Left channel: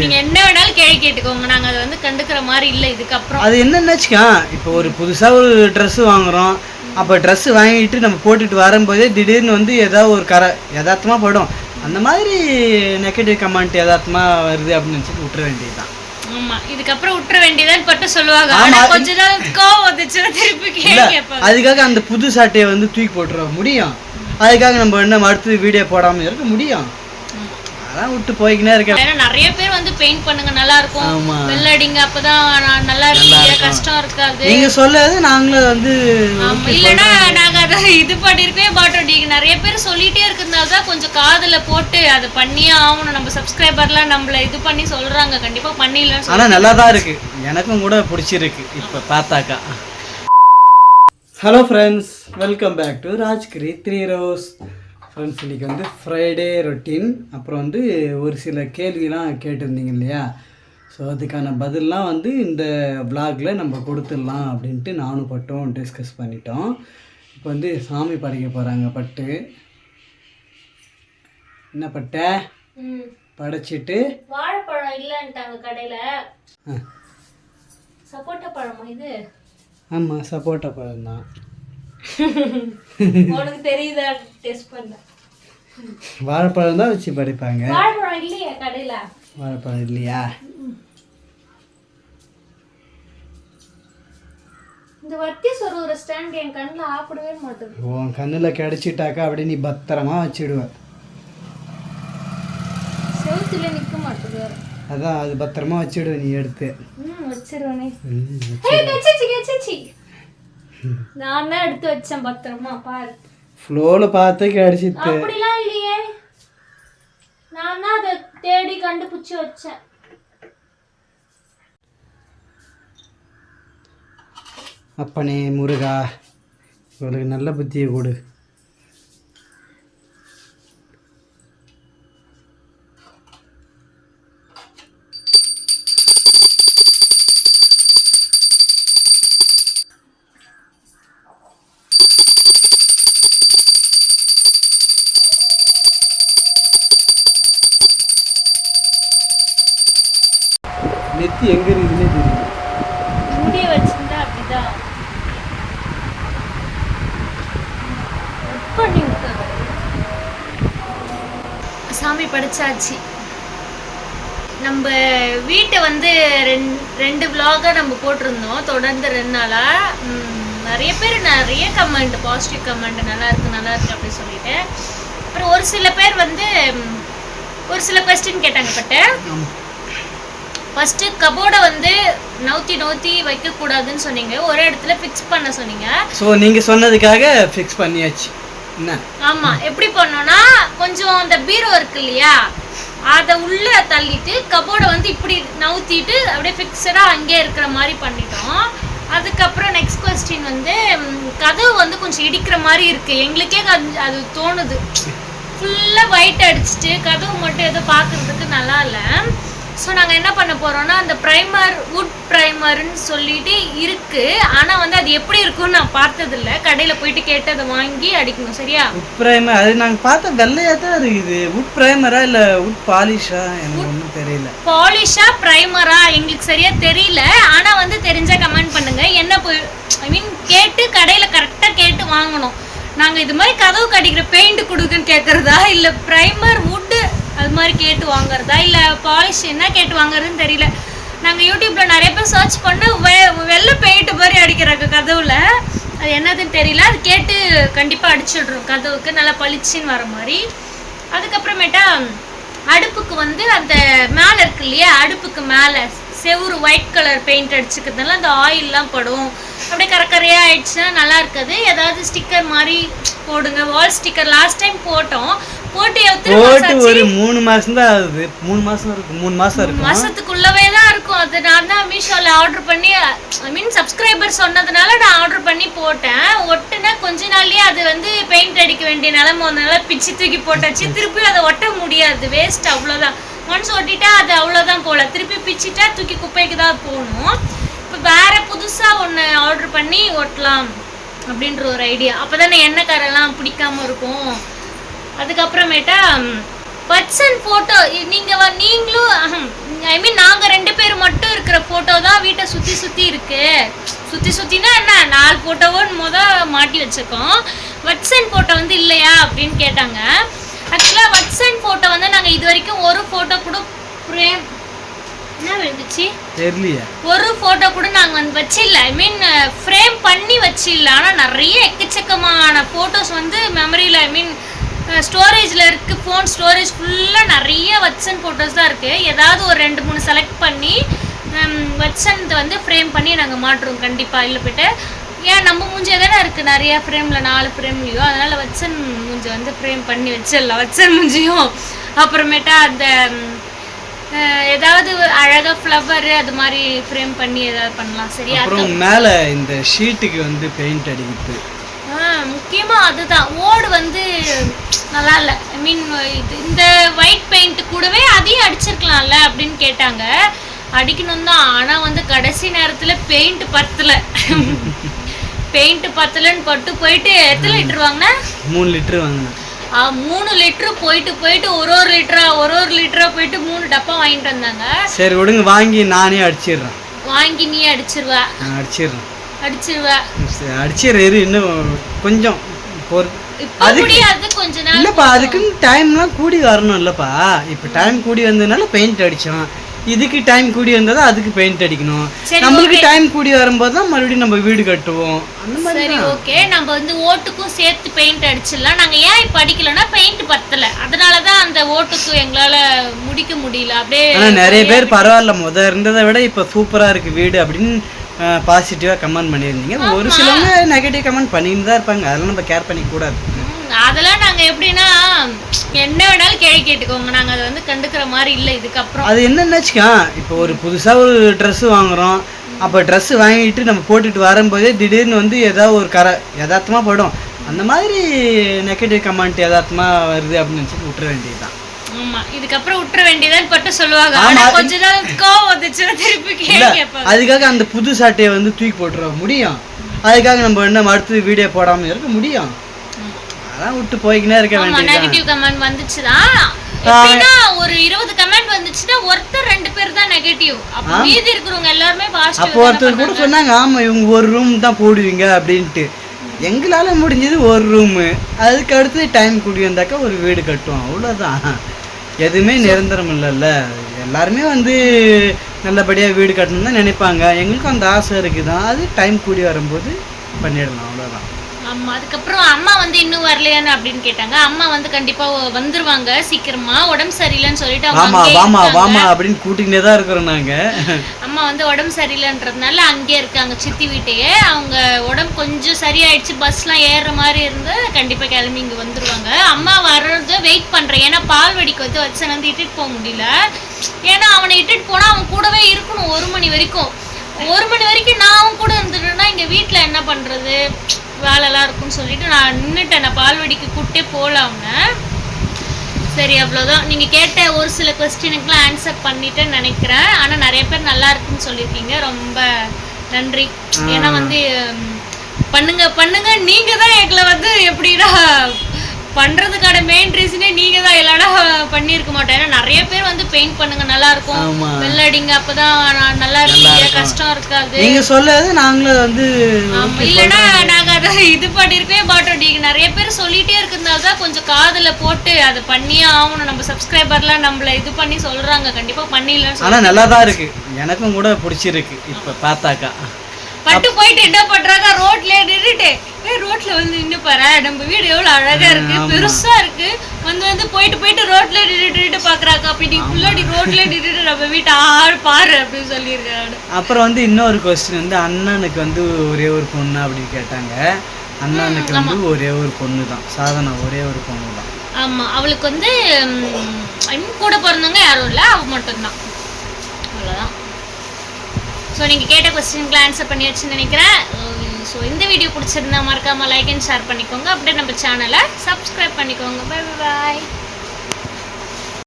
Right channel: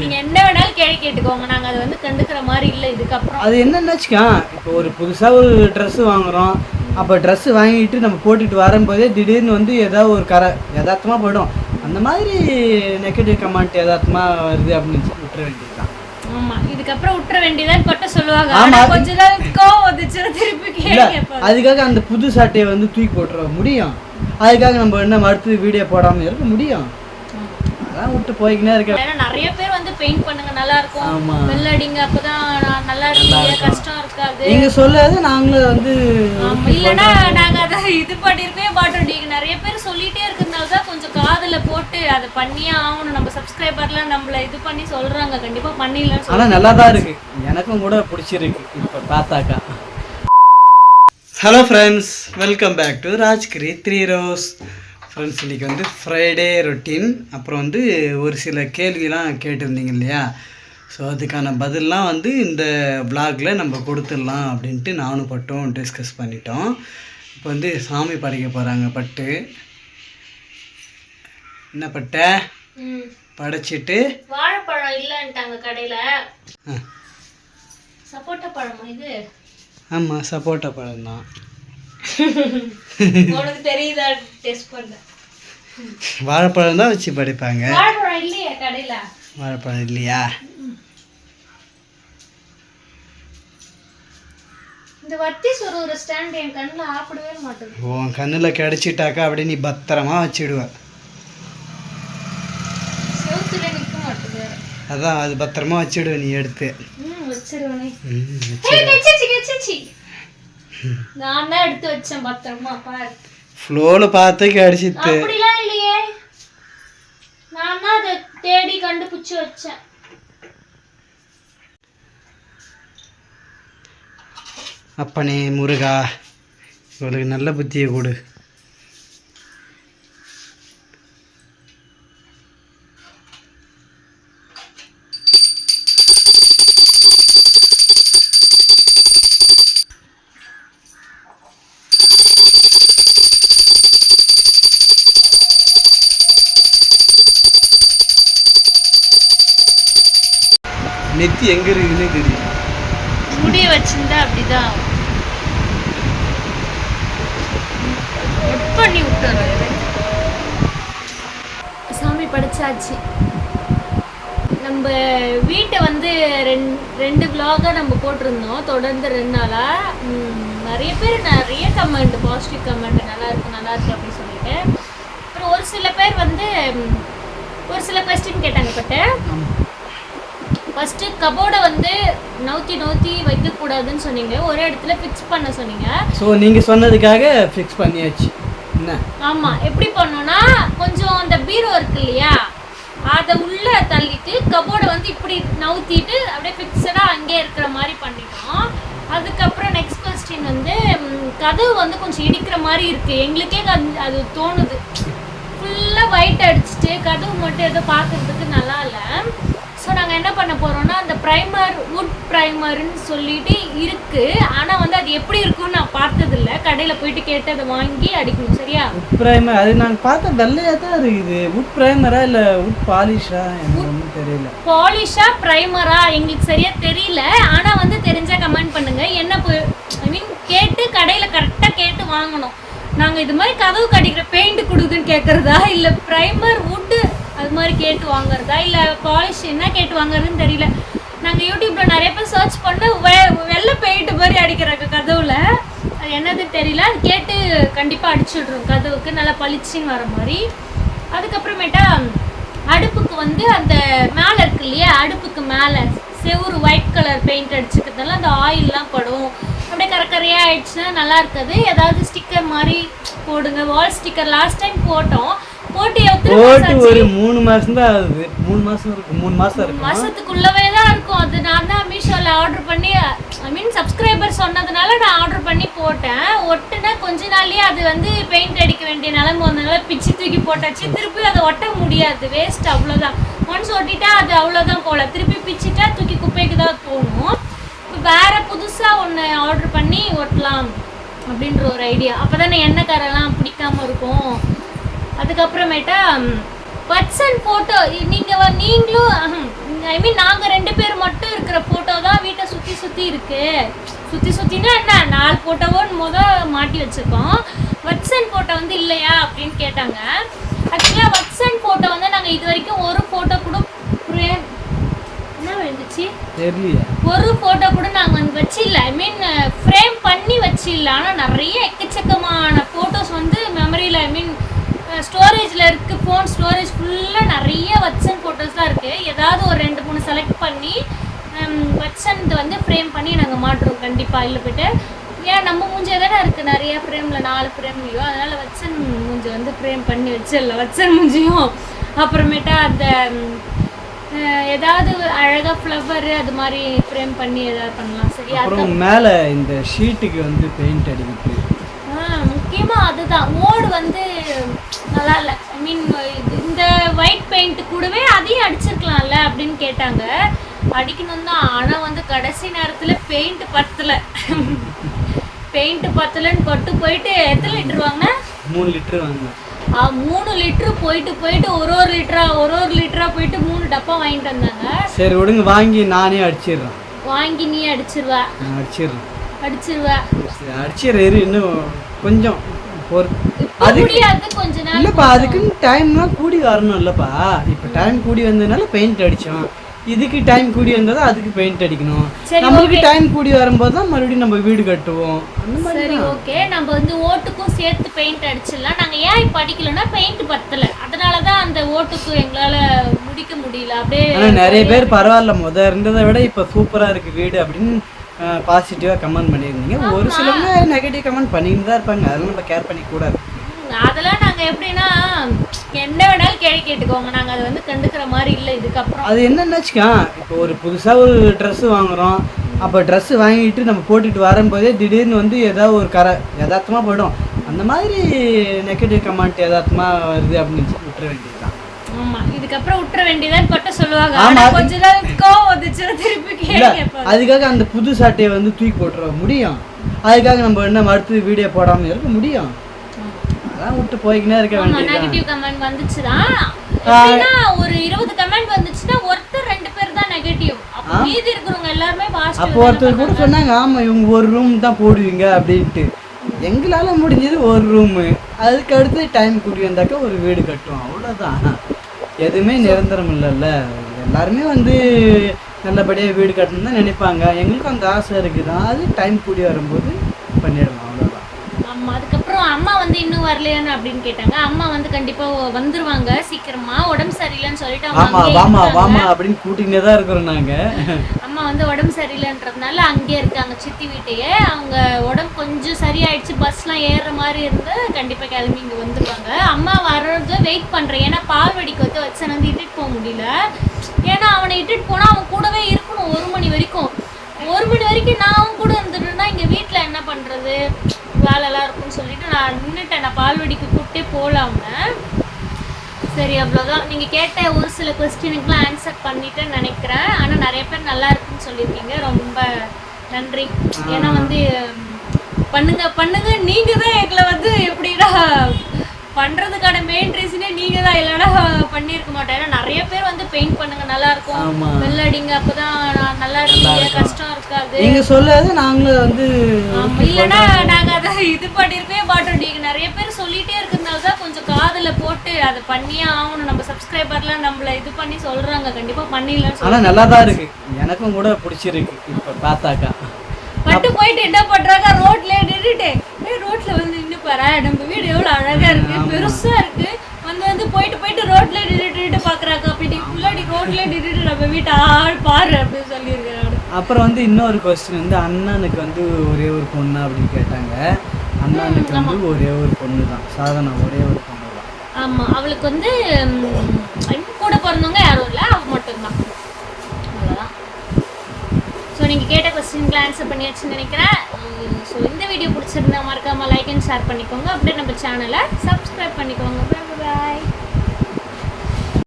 நீங்க என்ன வேணாலும் கேள்வி கேட்டுக்கோங்க, நாங்க அதை வந்து கண்டுக்கிற மாதிரி இல்லை இதுக்கப்புறம். அது என்னன்னாச்சுக்கா, இப்போ ஒரு புதுசாக ஒரு ட்ரெஸ்ஸு வாங்குகிறோம், அப்போ ட்ரெஸ்ஸு வாங்கிட்டு நம்ம போட்டுட்டு வரும்போதே திடீர்னு வந்து ஏதாவது ஒரு யதார்த்தமாக படும். அந்த மாதிரி நெகட்டிவ் கமெண்ட் யதார்த்தமாக வருது அப்படின்னு விட்டுற வேண்டியதுதான். ஆமா, இதுக்கப்புறம் விட்டுற வேண்டியதான் பட்ட சொல்லுவாங்க. கொஞ்ச நாள் கோவம் வந்துச்சு திருப்பி கேட்பாங்க. அதுக்காக அந்த புது சாட்டையை வந்து தூக்கி போட்டுற முடியும்? அதுக்காக நம்ம என்ன அடுத்து வீடியோ போடாமல் இருக்க முடியும்? அதான் விட்டு போய்க்கினே இருக்கேன். ஏன்னா நிறைய பேர் வந்து பெயிண்ட் பண்ணுங்க நல்லா இருக்கும், வெள்ளடிங்க அப்பதான் நல்லா இருக்கு, கஷ்டம் இருக்காது. நீங்க சொல்லாது நாங்களும் வந்து இல்லைன்னா நாங்க அதை இது பண்ணிருக்கவே மாட்டோம். நீங்க நிறைய பேர் சொல்லிட்டே இருக்கிறதுனால தான் கொஞ்சம் காதுல போட்டு அதை பண்ணியே ஆகணும். நம்ம சப்ஸ்கிரைபர்லாம் நம்மள இது பண்ணி சொல்றாங்க, கண்டிப்பா பண்ணிடலாம். ஆனா நல்லா தான் இருக்கு, எனக்கும் கூட பிடிச்சிருக்கு இப்ப பார்த்தாக்கா. Hello friends, welcome back to Rajgiri 3 roses. Friends, இன்றைக்கி வந்து ஃப்ரைடே ரொட்டீன். அப்புறம் வந்து ஒரு சில கேள்விலாம் கேட்டிருந்தீங்க இல்லையா, ஸோ அதுக்கான பதிலெலாம் வந்து இந்த விளாகில் நம்ம கொடுத்துடலாம் அப்படின்ட்டு நானும் பட்டும் டிஸ்கஸ் பண்ணிட்டோம். இப்போ வந்து சாமி படைக்க போகிறாங்க. பட்டு என்ன பட்ட படைச்சிட்டு வாழைப்பழம் இல்லைன்ட்டாங்க கடையில். சப்போட்டா பழமா இது? ஆமாம், சப்போட்டா பழம் தான். உனக்கு தெரியுதா? டெஸ்ட் பண்ண வாழைப்பழம் தான் வச்சு படைப்பாங்க. வாழைப்பழம் இல்லையா கடையில? வாழைப்பழம் இல்லையா? இந்த வத்தி ஒரு ஸ்டாண்ட் என் கண்ணில் ஆப்பிடவே மாட்டேது. உன் கண்ணில் கிடைச்சிட்டாக்கா அப்படியே நீ பத்திரமா வச்சுடுவ. செவுத்துல நிற்க மாட்டேது வேற. அதான் அது பத்திரமா வச்சுடுவ நீ எடுத்து. வச்சிருவனே. நான் தான் எடுத்து வச்சேன் பத்திரமா, பாரு. ஃப்ளோல பார்த்து கிடைச்சிட்டு. அப்படிலாம் இல்லையே, நான் தான் அதை தேடி கண்டுபிடிச்சு வச்சேன். அப்பனே முருகா, இவளுக்கு நல்ல புத்தியை கொடு. நெத்தி எங்க இருக்குன்னு தெரியும். முடி வச்சிருந்தா அப்படிதான் பண்ணி விட்டுறது. சாமி படைச்சாச்சு. நம்ம வீட்டை வந்து ரெண்டு விலாகா நம்ம போட்டிருந்தோம் தொடர்ந்து 2 நாளா. நிறைய பேர் நிறைய கமெண்ட், பாசிட்டிவ் கமெண்ட், நல்லா இருக்கு நல்லா இருக்கு அப்படின்னு சொல்லிட்டு. அப்புறம் ஒரு சில பேர் வந்து ஒரு சில கொஸ்டின் கேட்டாங்க. பட்டு ஃபஸ்ட்டு கபோர்டை வந்து நவுத்தி வைக்கக்கூடாதுன்னு சொன்னீங்க, ஒரே இடத்துல ஃபிக்ஸ் பண்ண சொன்னீங்க. ஸோ நீங்கள் சொன்னதுக்காக ஃபிக்ஸ் பண்ணியாச்சு. என்ன? ஆமாம், எப்படி பண்ணோன்னா கொஞ்சம் அந்த பீரோ இருக்கு இல்லையா, அதை உள்ளே தள்ளிட்டு கபோர்டை வந்து இப்படி நவுத்திட்டு அப்படியே ஃபிக்ஸடாக அங்கே இருக்கிற மாதிரி பண்ணிட்டோம். அதுக்கப்புறம் நெக்ஸ்ட் கொஸ்டின் வந்து கதவு வந்து கொஞ்சம் இடிக்கிற மாதிரி இருக்குது. எங்களுக்கே அது தோணுது. ஃபுல்லாக ஒயிட் அடிச்சுட்டு கதவு மட்டும் எதோ பார்க்குறதுக்கு நல்லா இல்லை. ஸோ நாங்கள் என்ன பண்ண போகிறோன்னா, அந்த ப்ரைமர், வுட் ப்ரைமர்னு சொல்லிட்டு இருக்குது. ஆனால் வந்து அது எப்படி இருக்குன்னு நான் பார்த்ததில்ல. கடையில் போயிட்டு கேட்டு அதை வாங்கி அடிக்கணும். சரியா? வுட் ப்ரைமர் அது நாங்கள் பார்த்தா வெள்ளையாக தான் இருக்குது. வுட் ப்ரைமரா இல்லை வுட் பாலிஷா? எனக்கு ஒன்றும் தெரியல. பாலிஷா ப்ரைமரா எங்களுக்கு சரியாக தெரியல. ஆனால் வந்து தெரிஞ்சால் கமெண்ட் பண்ணுங்கள். என்ன ஐ மீன் கேட்டு கடையில் கரெக்டாக கேட்டு வாங்கணும். நாங்கள் இது மாதிரி கதவு கடிக்கிற பெயிண்ட் கொடுக்குன்னு கேட்குறதா, இல்லை ப்ரைமர் வுட்டு அது மாதிரி கேட்டு வாங்குறதா, இல்லை பாலிஷ் என்ன கேட்டு வாங்குறதுன்னு தெரியல. நாங்கள் யூடியூப்பில் நிறைய பேர் சர்ச் பண்ண வெள்ளை பெயிண்ட் மாதிரி அடிக்கிறாங்க கதவுல. அது என்னதுன்னு தெரியல. அது கேட்டு கண்டிப்பாக அடிச்சுட்றோம் கதவுக்கு நல்லா பளிச்சுன்னு வர மாதிரி. அதுக்கப்புறமேட்டா அடுப்புக்கு வந்து அந்த மேலே இருக்கு இல்லையா, அடுப்புக்கு மேலே செவுறு ஒயிட் கலர் பெயிண்ட் அடிச்சுக்கிறதுனால அந்த ஆயிலெலாம் படும். அப்படியே கரையாக ஆயிடுச்சுன்னா நல்லா இருக்காது. ஏதாவது ஸ்டிக்கர் மாதிரி போடுங்க. வால் ஸ்டிக்கர் லாஸ்ட் டைம் போட்டு ஒரு 3 மாசம் தான் ஆகுது. 3 மாசம் இருக்கும். 3 மாசம் இருக்கும். மாசத்துக்குள்ளவே தான் இருக்கும். அது நான் தான் மீஷோல ஆர்டர் பண்ணி, ஐ மீன் சப்ஸ்கிரைபர் சொன்னதுனால நான் ஆர்டர் பண்ணி போட்டேன். ஒட்டுனா கொஞ்ச நாள்லயே அது வந்து பெயிண்ட் அடிக்க வேண்டிய நிலைமை வந்தனால பிச்சு தூக்கி போட்டாச்சு. திருப்பி அதை ஒட்ட முடியாது, வேஸ்ட். அவ்வளோதான். ஒன்ஸ் ஒட்டிட்டா அது அவ்வளோதான் போல. திருப்பி பிச்சுட்டா தூக்கி குப்பைக்கு தான் போகணும். இப்போ வேற புதுசாக ஒன்று ஆர்டர் பண்ணி ஒட்டலாம் அப்படின்ற ஒரு ஐடியா. அப்போ தானே எண்ணெய் காரெல்லாம் பிடிக்காம இருக்கும். அதுக்கப்புறமேட்டா பர்சன் ஃபோட்டோ நீங்களும் ஐ மீன் நாங்கள் 2 பேர் மட்டும் இருக்கிற ஃபோட்டோ தான் வீட்டை சுற்றி இருக்கு. சுற்றினா என்ன 4 ஃபோட்டோவும் மாட்டி வச்சுருக்கோம். வட்சன் ஃபோட்டோ வந்து இல்லையா அப்படின்னு கேட்டாங்க. ஆக்சுவலாக வட்சன் ஃபோட்டோ வந்து நாங்கள் இது வரைக்கும் ஒரு ஃபோட்டோ கூட ஃப்ரேம் என்ன வந்துச்சு தெரியலையே, ஒரு ஃபோட்டோ கூட நாங்கள் வந்து வச்சில்ல. ஐ மீன் ஃப்ரேம் பண்ணி வச்சில்ல. ஆனால் நிறைய எக்கச்சக்கமான ஃபோட்டோஸ் வந்து மெமரியில் ஐ மீன் ஸ்டோரேஜில் இருக்குது. ஃபோன் ஸ்டோரேஜ் ஃபுல்லாக நிறைய வட்சன் ஃபோட்டோஸ் தான் இருக்குது. ஏதாவது ஒரு 2-3 செலக்ட் பண்ணி வட்சன் வந்து ஃப்ரேம் பண்ணி நாங்கள் மாட்டுறோம் கண்டிப்பாக. இல்லை போய்ட்டு ஏன் நம்ம மூஞ்சி தானே இருக்குது நிறைய ஃப்ரேமில் 4 ஃப்ரேம்லையோ, அதனால் வட்சன் மூஞ்சி வந்து ஃப்ரேம் பண்ணி வச்சிடலாம். வட்சன் மூஞ்சியும் அப்புறமேட்டா அந்த ஏதாவது அழகாக ஃப்ளவர் அது மாதிரி ஃப்ரேம் பண்ணி ஏதாவது பண்ணலாம். சரியா? அப்புறம் மேலே இந்த ஷீட்டுக்கு வந்து பெயிண்ட் அடிக்கிறது முக்கியமாக அதுதான். ஓடு வந்து நல்லா இல்லை. ஐ மீன் இந்த ஒயிட் பெயிண்ட் கூடவே அதையும் அடிச்சிருக்கலாம்ல அப்படின்னு கேட்டாங்க. அடிக்கணும் தான், ஆனால் வந்து கடைசி நேரத்தில் பெயிண்ட் பத்தலை. பெயிண்ட் பத்தலைன்னு போயிட்டு எத்தனை லிட்டர் வாங்கினா? 3 லிட்டர் வாங்கினேன். 3 லிட்டரு போயிட்டு ஒரு லிட்டரா போயிட்டு 3 டப்பா வாங்கிட்டு வந்தாங்க. சரி விடுங்க, வாங்கி நானே அடிச்சிடுறேன். வாங்கி நீ அடிச்சிருவா? அடிச்சிடுறேன். இன்னும் கொஞ்சம் கொஞ்ச நாள் இல்லப்பா, அதுக்குன்னு டைம்லாம் கூடி வரணும் இல்லப்பா. இப்போ டைம் கூடி வந்ததுனால பெயிண்ட் அடிச்சோம். இதுக்கு டைம் கூடி வந்தா அதுக்கு பெயிண்ட் அடிக்கணும். நம்மளுக்கு டைம் கூடி வரும்போது தான் மறுபடியும் நம்ம வீடு கட்டுவோம். அந்த மாதிரி. சரி ஓகே, நம்ம வந்து ஓட்டுக்கும் சேர்த்து பெயிண்ட் அடிச்சிடலாம். நாங்கள் ஏன் இப்போ அடிக்கலன்னா பெயிண்ட் பத்தலை, அதனால தான் அந்த ஓட்டுக்கும் எங்களால் முடிக்க முடியல. அப்படியே ஆனால் நிறைய பேர் பரவாயில்ல, இருந்ததை விட இப்போ சூப்பராக இருக்குது வீடு அப்படின்னு பாசிட்டிவாக கமெண்ட் பண்ணியிருந்தீங்க. ஒரு சிலவங்க நெகட்டிவ் கமெண்ட் பண்ணிட்டு தான் இருப்பாங்க. அதெல்லாம் நம்ம கேர் பண்ணிக்கூடாது. அதெல்லாம் நாங்கள் எப்படின்னா என்ன வேணாலும் கேட்டுக்கோங்க, நாங்கள் அதை வந்து கண்டுக்கிற மாதிரி இல்லை இதுக்கப்புறம். அது என்னென்னாச்சுக்கா, இப்போ ஒரு புதுசாக ஒரு ட்ரெஸ்ஸு வாங்குகிறோம். அப்போ ட்ரெஸ்ஸு வாங்கிட்டு நம்ம போட்டுட்டு வரும்போதே திடீர்னு வந்து ஏதாவது ஒரு யதார்த்தமாக படும். அந்த மாதிரி நெகட்டிவ் கமெண்ட் யதார்த்தமாக வருது அப்படின்னு நினச்சி விட்டுற வேண்டியது தான். ஆமாம், இதுக்கப்புறம் விட்டுற வேண்டியதான் பட்டு சொல்லுவாங்க. கொஞ்ச நாள் கோவம் வந்துச்சு திருப்பி கேட்பாங்க. அதுக்காக அந்த புது சாட்டையை வந்து தூக்கி போட்டுற முடியும். அதுக்காக நம்ம என்ன அடுத்து வீடியோ போடாமல் இருக்க முடியும். அதான் விட்டு போய்க்கினே இருக்க வேண்டியது. நெகட்டிவ் கமெண்ட் வந்துச்சுதான் எப்படின்னா ஒரு 20 கமெண்ட் வந்துச்சுன்னா ஒருத்தர் 2 பேர் தான் நெகட்டிவ். அப்ப மீதி இருக்கிறவங்க எல்லாரும் பாசிட்டிவ். அப்போ ஒருத்தர் கூட சொன்னாங்க, ஆமா இவங்க ஒரு ரூம் தான் போடுவீங்க அப்படின்ட்டு. எங்களால முடிஞ்சது ஒரு ரூமு. அதுக்கு அடுத்து டைம் கூடி வந்தாக்கா ஒரு வீடு கட்டுவோம், அவ்வளோதான். எதுவுமே நிரந்தரம் இல்லைல்ல. எல்லாருமே வந்து நல்லபடியாக வீடு கட்டணும்னு தான் நினைப்பாங்க. எங்களுக்கும் அந்த ஆசை இருக்குதான். அது டைம் கூடி வரும்போது பண்ணிடலாம், அவ்வளோதான். ஆமாம், அதுக்கப்புறம் அம்மா வந்து இன்னும் வரலையான்னு அப்படின்னு கேட்டாங்க. அம்மா வந்து கண்டிப்பாக வந்துருவாங்க சீக்கிரமா. உடம்பு சரியில்லைன்னு சொல்லிட்டு வாமா அப்படின்னு கூட்டிகிட்டே தான் இருக்கிறோம் நாங்கள். அம்மா வந்து உடம்பு சரியில்லைன்றதுனால அங்கேயே இருக்காங்க சித்தி வீட்டையே. அவங்க உடம்பு கொஞ்சம் சரியாயிடுச்சு, பஸ்லாம் ஏறுற மாதிரி இருந்து கண்டிப்பாக கிளம்பி இங்கே வந்துருவாங்க. அம்மா வர்றது வெயிட் பண்ணுறேன். ஏன்னா பால்வடிக்கு வந்து வச்சனை வந்து இட்டுட்டு போக முடியல. ஏன்னா அவனை இட்டுட்டு போனால் அவன் கூடவே இருக்கணும் 1 மணி வரைக்கும். 1 மணி வரைக்கும் நான் அவன் கூட இருந்துட்டேன்னா இங்கே வீட்டில் என்ன பண்ணுறது, வேலைலாம் இருக்குன்னு சொல்லிட்டு நான் நின்றுட்டேன். நான் பால்வடிக்கு கூப்பிட்டே போகலாம்னு. சரி அவ்வளோதான். நீங்கள் கேட்ட ஒரு சில கொஸ்டினுக்குலாம் ஆன்சர் பண்ணிட்டேன்னு நினைக்கிறேன். ஆனால் நிறைய பேர் நல்லா இருக்குன்னு சொல்லியிருக்கீங்க, ரொம்ப நன்றி. ஏன்னா வந்து பண்ணுங்க நீங்கள் தான் எங்களை வந்து எப்படின்னா பண்ணுறதுக்கான மெயின் ரீசனே நீங்கள் தான். இல்லைன்னா பண்ணியிருக்க மாட்டேன். ஏன்னா நிறைய பேர் வந்து பெயிண்ட் பண்ணுங்க நல்லா இருக்கும், வெள்ளடிங்க அப்போதான் நல்லா இருக்கு, கஷ்டம் இருக்காது. நீங்கள் சொல்லாது நாங்களும் வந்து இல்லைன்னா நாங்கள் அதை இது பண்ணியிருக்கவே மாட்டோம். நீங்கள் நிறைய பேர் சொல்லிகிட்டே இருக்கிறதுனால தான் கொஞ்சம் காதில் போட்டு அதை பண்ணியே ஆகணும். நம்ம சப்ஸ்கிரைபர்லாம் நம்மளை இது பண்ணி சொல்கிறாங்க, கண்டிப்பாக பண்ணிடலாம். ஆனால் நல்லா தான் இருக்குது, எனக்கும் கூட பிடிச்சிருக்கு. இப்போ பார்த்தாக்கா பட்டு போயிட்டு என்ன பண்றாங்க, ரோட்ல வந்து நின்று பாரு, நம்ம வீடு எவ்வளவு அழகா இருக்கு, பெருசா இருக்கு. வந்து போயிட்டு ரோட்ல நின்றுட்டு பாக்குறாங்க. அப்படி ஃபுல்லாடி ரோட்ல நின்றுட்டு நம்ம வீட்டை பாரு அப்படின்னு சொல்லியிருக்காரு. அப்புறம் வந்து இன்னொரு கொஸ்டின் வந்து அண்ணனுக்கு வந்து ஒரே ஒரு பொண்ணு அப்படின்னு கேட்டாங்க. அண்ணனுக்கு வந்து ஒரே ஒரு பொண்ணு தான், சாதனா ஒரே ஒரு பொண்ணு தான். ஆமா, அவளுக்கு வந்து கூட பிறந்தவங்க யாரும் இல்லை, அவ மட்டும்தான், அவ்வளோதான். ஸோ நீங்கள் கேட்ட கொஸ்டினுக்குலாம் ஆன்சர் பண்ணியாச்சுன்னு நினைக்கிறேன். ஸோ இந்த வீடியோ பிடிச்சிருந்தா மறக்காமல் லைக் அண்ட் ஷேர் பண்ணிக்கோங்க. அப்படியே நம்ம சேனலை சப்ஸ்கிரைப் பண்ணிக்கோங்க. Bye bye.